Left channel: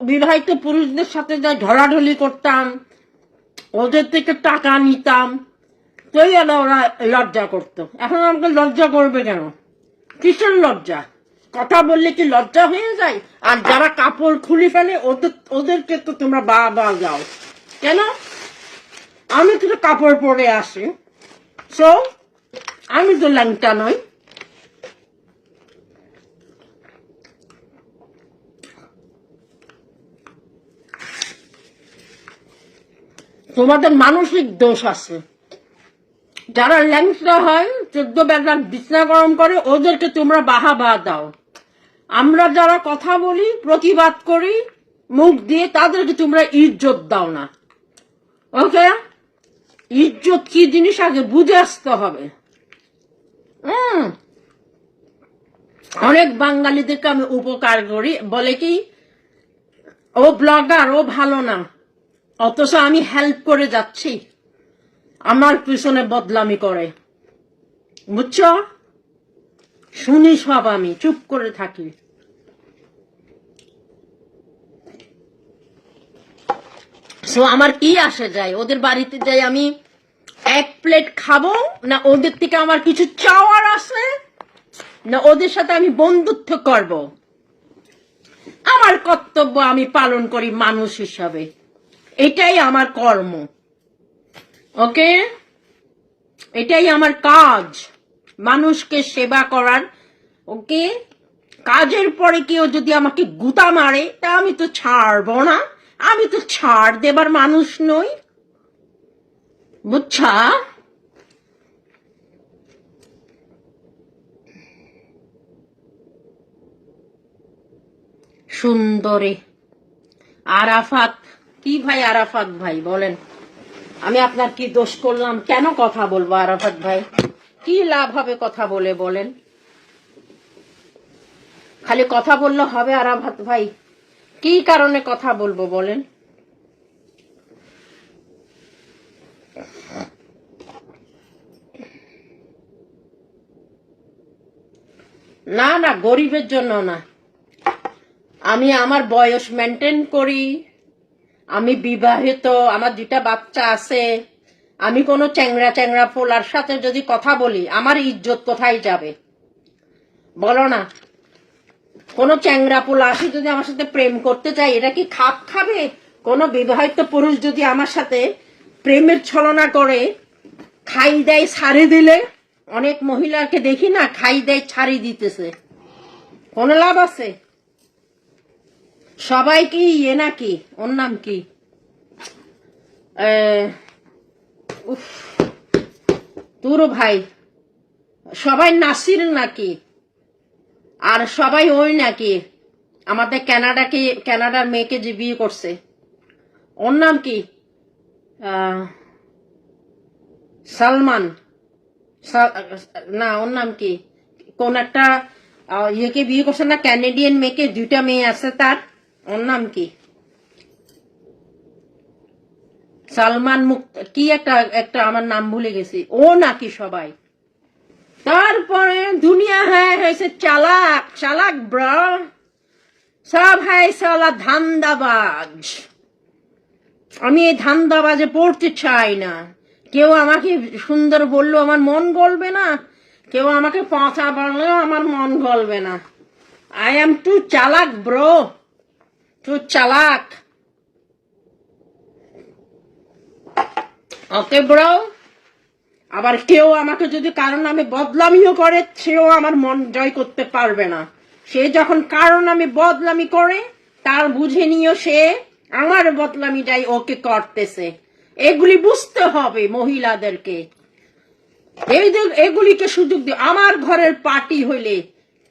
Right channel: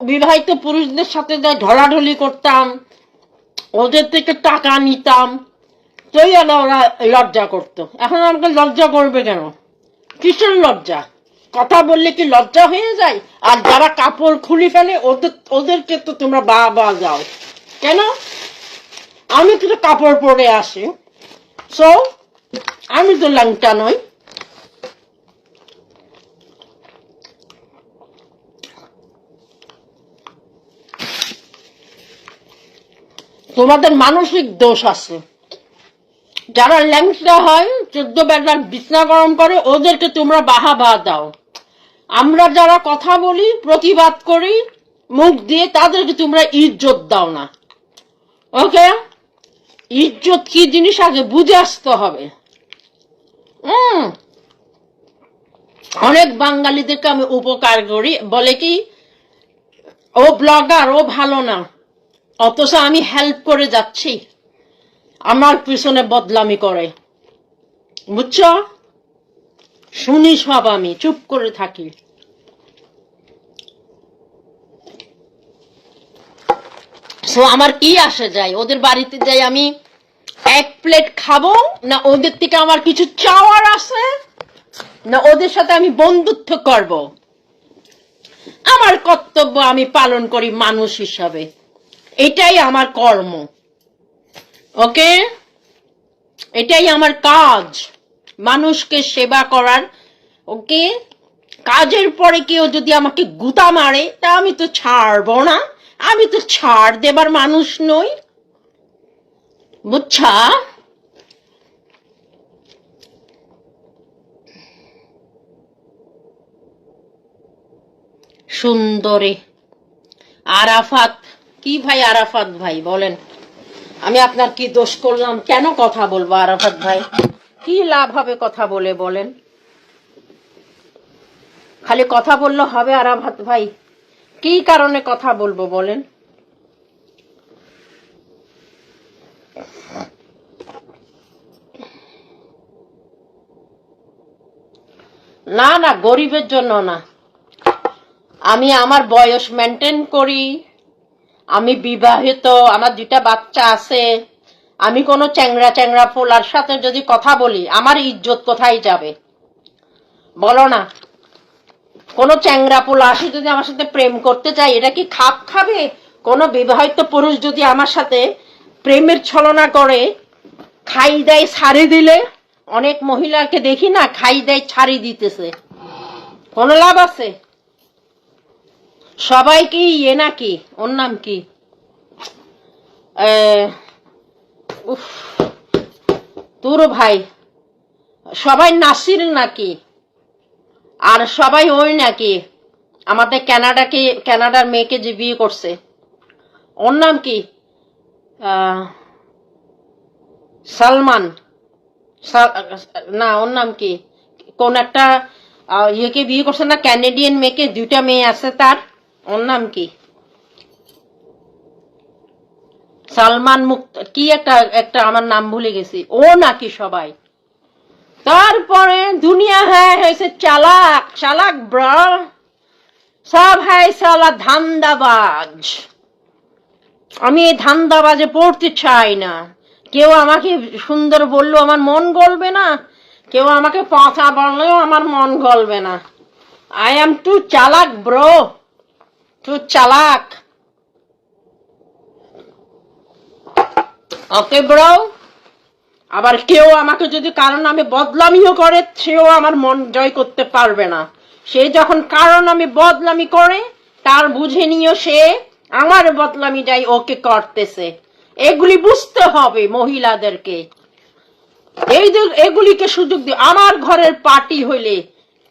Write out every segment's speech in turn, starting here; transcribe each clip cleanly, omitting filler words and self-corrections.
বিবাহিত পুরুষদের সাথে যাই ঢলাঢলি করতাম, ওদের থেকে টাকা নিতাম, তোই ওরা লজ্জা করতো। এখন আমাকে লজ্জা করবে কেন? কিসের লজ্জা? কথা বললে কি লজ্জা হয়ে যায়? আর যারা কাপড় খুলে ফেলে ওদেরকে তো তোমরা বা যাও কেন? আমি তো কাপড় পরে আসি, সো আমি তো ল্যাংটা নই। তোমাদের মানসিক দোষ আছে। যারা ল্যাংটা হয় 14 বেলা বিছনা গরম করে ওদেরকে তোমরা বাহবা দাও। আমরা যারা কথা বলি, প্রতিবাদ করি মুখ দিয়ে, তাদেরকে তোমরা ইজ্জত দাও না। ওকে, ইজ্জত কি জিনিস আগে বুঝে আসতে হবে। অনেক বাঙালিদেরকে আমি উপকার করি, বলে কি ও ব্লগার, ও ভালো না, অথচ আমি হেল্প করে যাচ্ছি, আমার পিছনে বদলামি করে। বুঝছ? শুনি সব, আমি চুপ করে থাকি। সো আমার কি আসে যায়? ওদের বাড়িতে যাই আমি এক প্লেট খাবো না ওদের থেকে আমার কিছু চাওয়ার আছে, না ওদের সাথে আমি বন্ধুত্ব করব? আমার কর্তব্য আমি পালন করি মানুষ হিসাবে, এটাই আমার কর্ম। ওকে, এটাই আমার কাজ, মানুষকে সেবা করার। ওকে, কাজের পরে কেউ যদি আমাকে গুতা মারে তা আমি তো ছাড়বো না, আমি তো ছাড় দেবার মানুষ নই। বুঝছা? সুন্দরী আরাফাত, কি ভাই আরাফাত ভাই বলেন, আমি আপনার কি দোষ করলাম? কেন কথা বলবো আরাফাত ভাই? কি লাভ হবে কথা বলে বলেন? খালি কথা বললে হবে আরাফাত ভাই? কি কারণে কথা বলবো বলেন? না না, গরিবের জন্য না। আমি আমার বয়স মেনটেন করি, আমি বিবাহিত, আমার 2টা বাচ্চা আছে। আমি কোনো চ্যাংড়া পোলার সাথে যদি কথা বলি আমার ইজ্জত কোথায় যাবে বলো না? কোনো চ্যাংড়া পোলা আসে যদি আমার সাথে প্রেম করতে চাই, এটা কি খাপ খাবে? কোনো বিবাহিত পুরুষ যদি আমার সাথে প্রেমের ছলনা করে খাই দেয় ছাড়ি দিলে, অনেক মহিলাকে দেখি না খাই দেয় ছাড়ি দিতেছে, কোনো লাভ আছে? সবাই কি ইয়ে নাকি? ওর নাম কি, তোর ভাই, সবাই নাসির নাকি? আর সবাই ওই নাকি আমাদের কানাডার মেয়েকে যে বিয়ে করছে, ওর নাম কি? সালমান না, ওর নাম কি? কোন একটা ইয়েকে বিয়ে করছে না, ক্যানাডিয়ান মেয়েকে, 2টা মেয়ে আছে তার, ওর নাম কি? সালমান মুক্ত কি একটা আমার নাম ভুলে গেছি, ও নাকি সবাই। তারপরে দুনিয়া হয়েছে চালাক চালাক ব্রা, সব হ্যাঁ সালা ধান্দাবাজ। আমি এই ধান্দাবাজে পড়তে চাই না। কেউ আমাকে সুন্দর বললো আমার মন গলবে না, কেউ আমাকে পচা বললেও আমার মন গলবে না। আই এম টু চালাক ব্রো, টু চালাক। ওকে ব্রো, আবার কেউ আমাকে যদি কারণ আমি বদলামিও করে, সেও আমার মন জয় করতে পারবে না। সে যখন কারণ আমি বদলামি করে তার বুঝে নিও সে আমার বদলামি যাই ওকে করতেছে। এগুলি বুঝতে হবে মহিলাদেরকে, এগুলিকে সুযোগ দিয়ে। আমার ঘরের পার্টি হইলে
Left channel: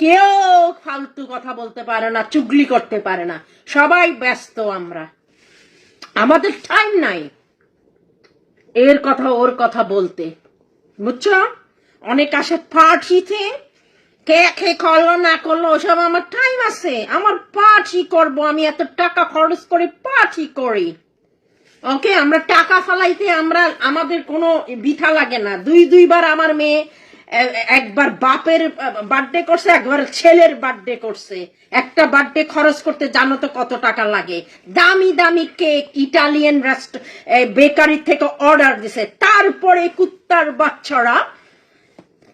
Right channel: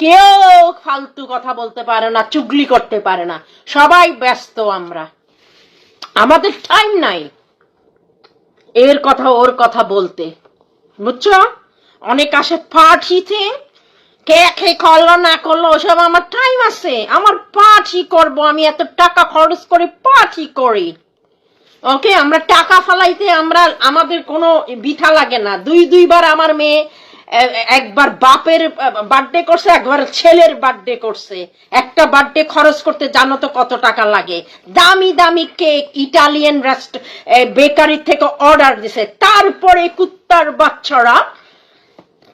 কেউ ফালতু কথা বলতে পারে না, চুগলি করতে পারে না, সবাই ব্যস্ত। আমাদের টাইম নাই এর কথা ওর কথা বলতে, বুঝছো? অনেক আসে পার্টিতে, কে করলো না করলো ওসব আমার টাইম আছে। আমার পার্টি করব, আমি এত টাকা খরচ করে পার্টি করি। ওকে, আমরা টাকা ফালাইতে আমাদের কোনো বিথা লাগে না। 2 বার আমার মেয়ে একবার বাপের বার্থডে করছে, একবার ছেলের বার্থডে করছে। একটা বার্থডে খরচ করতে জানো তো কত টাকা লাগে? দামি দামি কেক ইটালিয়ান বেকারি থেকে অর্ডার দিছে, তারপরে কুত্তার বাচ্চারা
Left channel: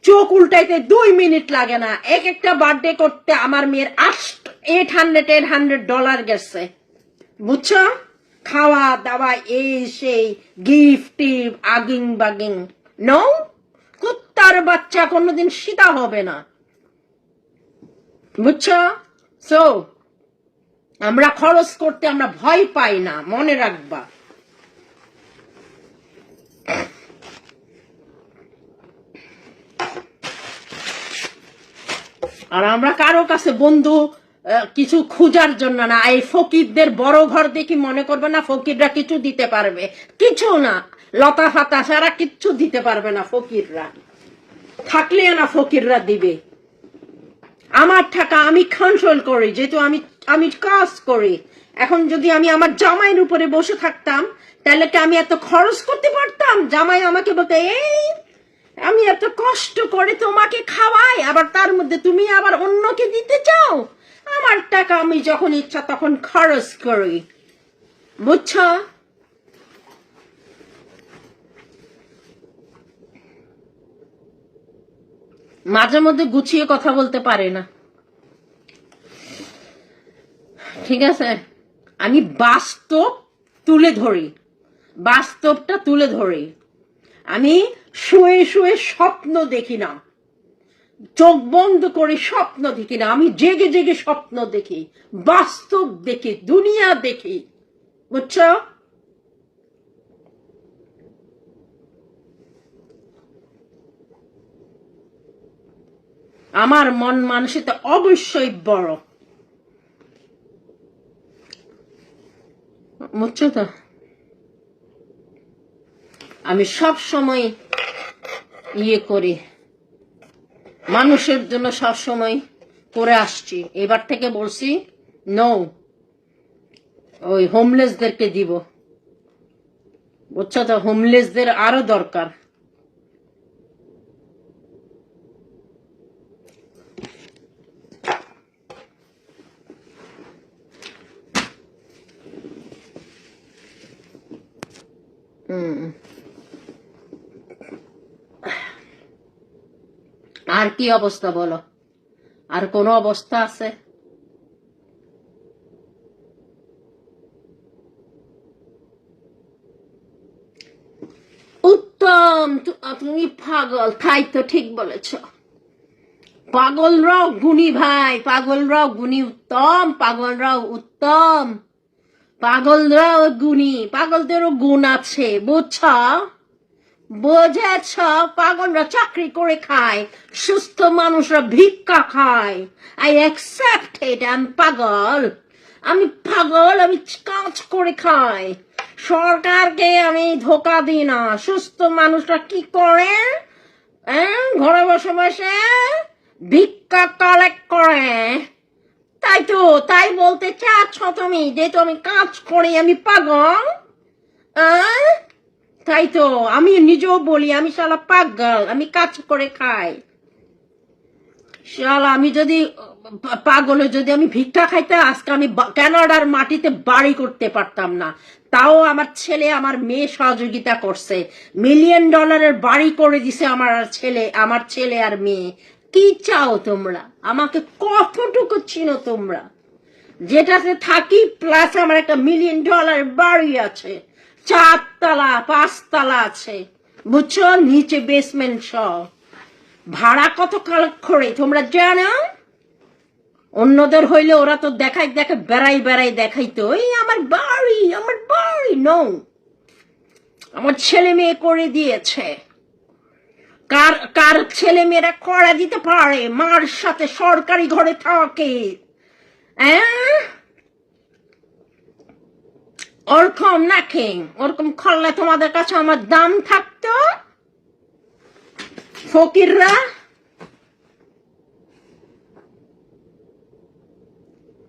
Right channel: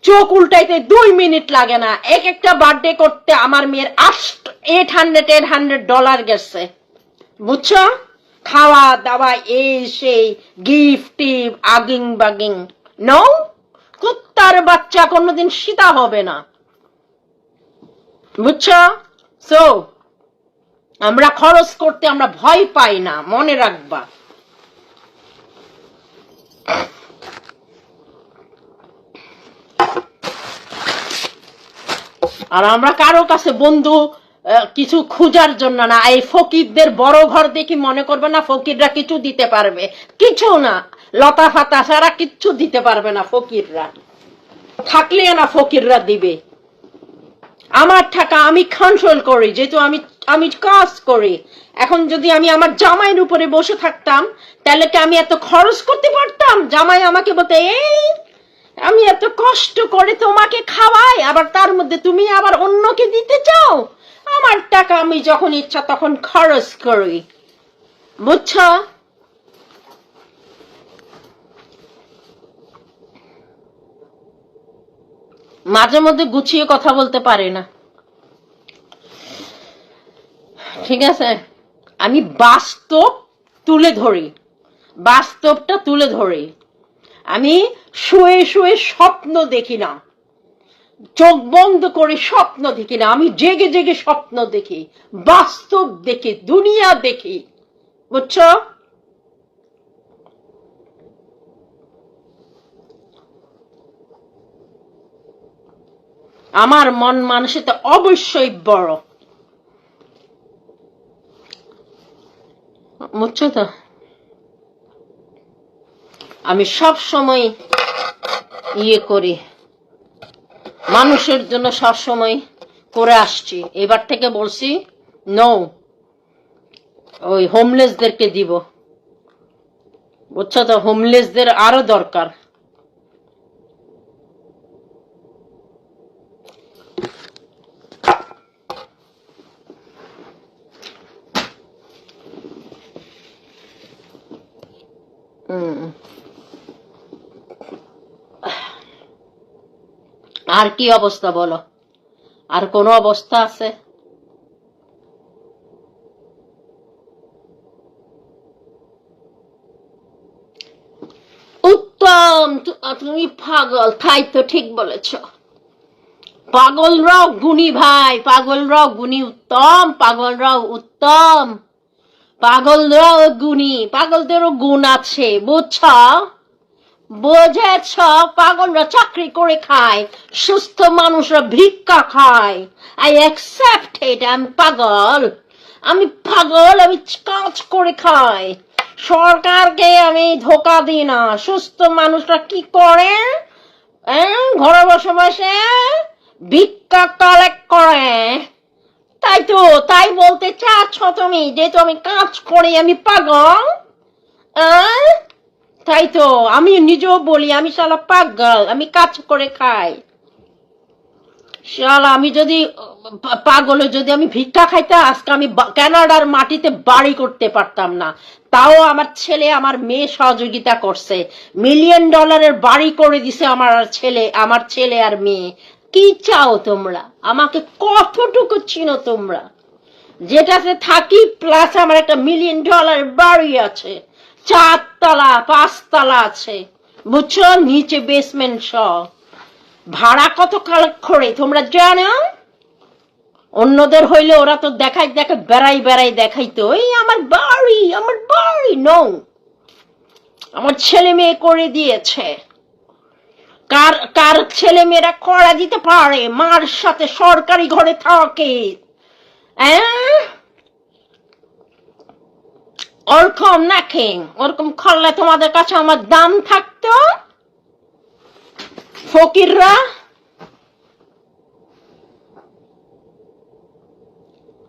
চোখ উল্টাইতে 2 মিনিট লাগে না। এক একটা বার্থডে করতে আমার মেয়ের $800 গেছে, বুঝছো? খাওয়া দাওয়া এই সেই গিফট আগিং বাগিং। নো, কুত্তার বাচ্চা কোনোদিন সীতা হবে না, বুঝছো? সো আমরা খরচ করতে আমরা ভয় পাই না, মনে রাখবা। আর আমরা কারো কাছে বন্ধু কিছু খোঁজার জন্য না। এই ফকিরদের বড় ঘর দেখি মনে করবে না ফকিররা কিছু দিতে পারবে, কিছু না। লতা ফাতা সারা কিচ্ছু দিতে পারবে না ফকিররা, থাকলেও না ফকিররা দিবে। আমার টাকা আমি কন্ট্রোল করি, যেহেতু আমি কাজ করি। এখন যদি আমি আমার জামাইয়ের উপরে বসে থাকতাম তাহলে কি আমি এত খরচ করতে পারতাম? জামাই আমাকে বলতে, এই আমি এত কষ্ট করে তোমাকে খাওয়াই, আবার তার মধ্যে তুমি আবার অন্যকে দিতে চাও? আমার টাকা আমি যখন ইচ্ছা তখন খরচ করি, বুঝছো? মাঝে মধ্যে গুছিয়ে কথা বলতে পারে না, ঠিক আছে? আমি বাস্তব তুলে ধরি, বাস্তবটা তুলে ধরি। আমি শুয়ে শুয়ে স্বপ্ন দেখি না, চোখ বন্ধ করে স্বপ্ন দেখি না, আমি জেগে জেগে স্বপ্ন দেখি, বাস্তব দেখি, দুনিয়া দেখি, বুঝছো? আমার মন মানসিকতা অবশ্যই বড়, বুঝছো তো? আমি সব সময় করি, মানুষের জন্য সব সময় করে আসছি। এবার থেকে বলছি নো, ওই হোমলেসদেরকে দিব, বুঝছো তো? হোমলেসদের আরো দরকার। আর কি অবস্থা বলো? আর কোন অবস্থা আছে? উত্তম, তুমি পাগল, তাই তো ঠিক বলেছ। পাগলরাও গুণী ভাই, পাগলরাও গুণী। উত্তম, পাগলরাও উত্তম, পাগলরাও গুণী, পাগলদেরও গুণ আছে, বুঝছ? বুঝেছ? পাগলরা চাকরি করে খায়, সুস্থ মানুষরা ভিক্ষা খায়। I accept it. আমি পাগল, আমি পাগল, আমি কাজ করে খাই। সরকারকে আমি ধোকা দিই না। সুস্থ মানুষরা কি করে? ঘরে বসে বসে ভিক্ষা কালেক্ট করে। তাই তো, তাই বলতে চাচ্ছ তুমি যেহেতু আমি কাজ করি আমি পাগল? তাই তো আমি নিজেও বলি আমি শালা পাগল, আমি কাজ করে খাই। শালা আমি যদি পাগলে যদি আমি ভিক্ষা খাইতাম আজকে আমি কানাডার মাটিতে বাড়ি করতে পারতাম না। তাও আমার ছেলে আমার মেয়ে সহযোগিতা করছে, $1,000,000 বাড়ি করে দিছে আমার ছেলে আর মেয়ে। কি চাও তোমরা? আমাকে কতটুকু চিনো তোমরা? যেটাতে থাকি প্লাস আমার একটা $1,000,000 বাড়ি আছে, 4 তলা 5 তলা আছে, বুঝছো? নিচে বেসমেন্ট সহ। ভাড়া কত কালেক্ট করে তোমরা জানো? অন্যদের হইলে ওরা তো দেখাই বেড়াই দেখাইতো এই আমার বাড়ি, আমার বাড়ি। নো, আমার ছেলে মেয়ে করে দিয়েছে। কার কার ছেলে মেয়েরা করা দিতে পারে? মার সাথে সরকারি ঘরে থাকে। ওরকম নাকি? ওরকম করলে তোমাদের কাছে আমার দাম থাকতো? ফকিররা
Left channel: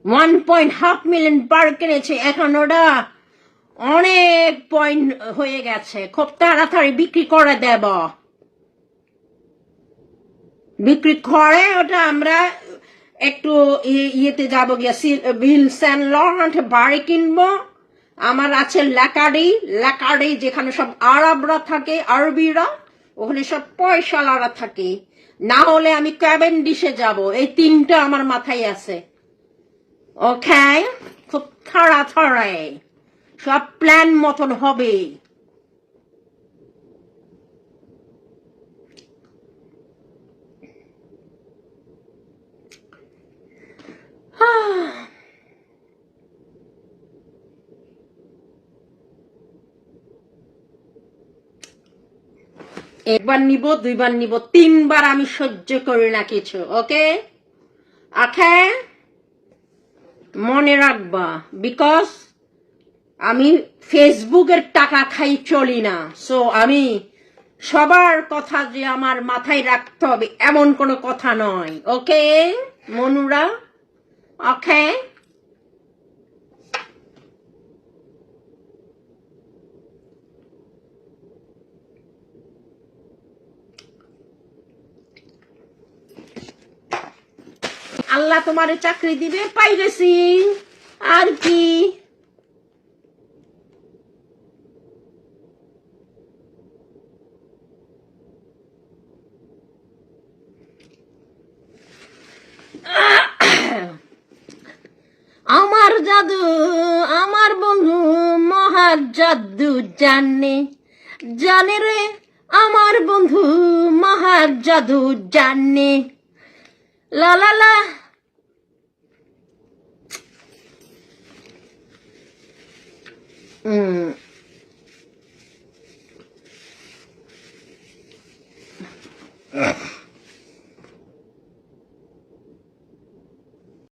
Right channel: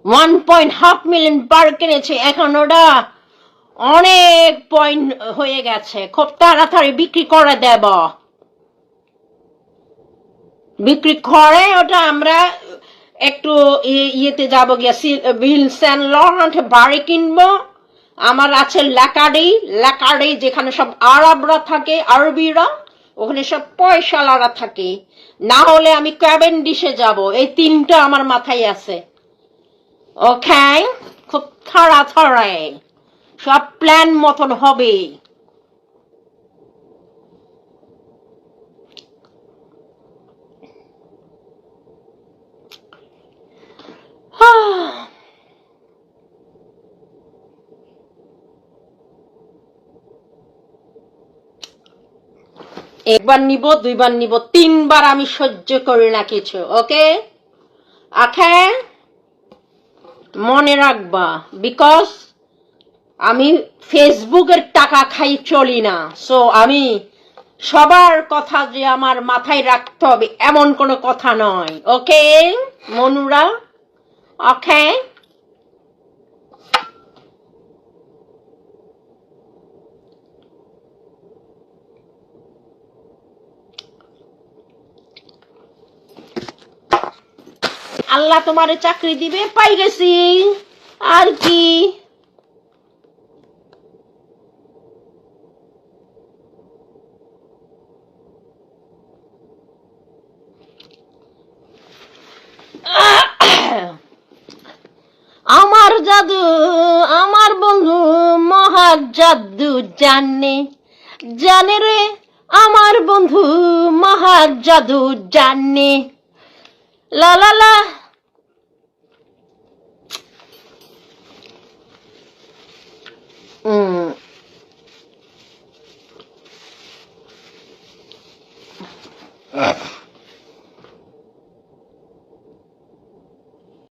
1.5 মিলিয়ন বার কিনেছে, এখন ওটা অনেক পয়েন্ট হয়ে গেছে, খুব তাড়াতাড়ি বিক্রি করে দেব। বিক্রি করে ওটা আমরা একটু ইয়েতে যাবো গিয়া উইলসন লরেন্ট বাড়ি কিনবো। আমার আছে লাকাডি যেখানে সব আরবরা থাকে, আরবিরা, ওখানে সব পয়সালারা থাকে। না হলে আমি ক্যাভেন্ডিশে যাব। এই তিনটা আমার মাথায় আছে। ওকে, খুব তাড়াতাড়ি সব প্ল্যান মতন হবে। একবার নিব, দুইবার নিব, তিনবার আমি সহ্য করি না কিছু। ওকে ওকে, মনে রাখবা, বিকজ আমি ফেসবুকের টাকা খাই চলি না। সো আমি সবার কথা যে আমার মাথায় রাখতে হবে এমন কোনো কথা নয়। ওকে মনুরা, ওকে। আল্লাহ তোমারে চাকরি দিবে, পাই গেছি আর কি। আমার জাদু আমার বন্ধু মহা জাদু জানে, জানে রে আমার বন্ধু মহা জাদু জানে। লা লা লা।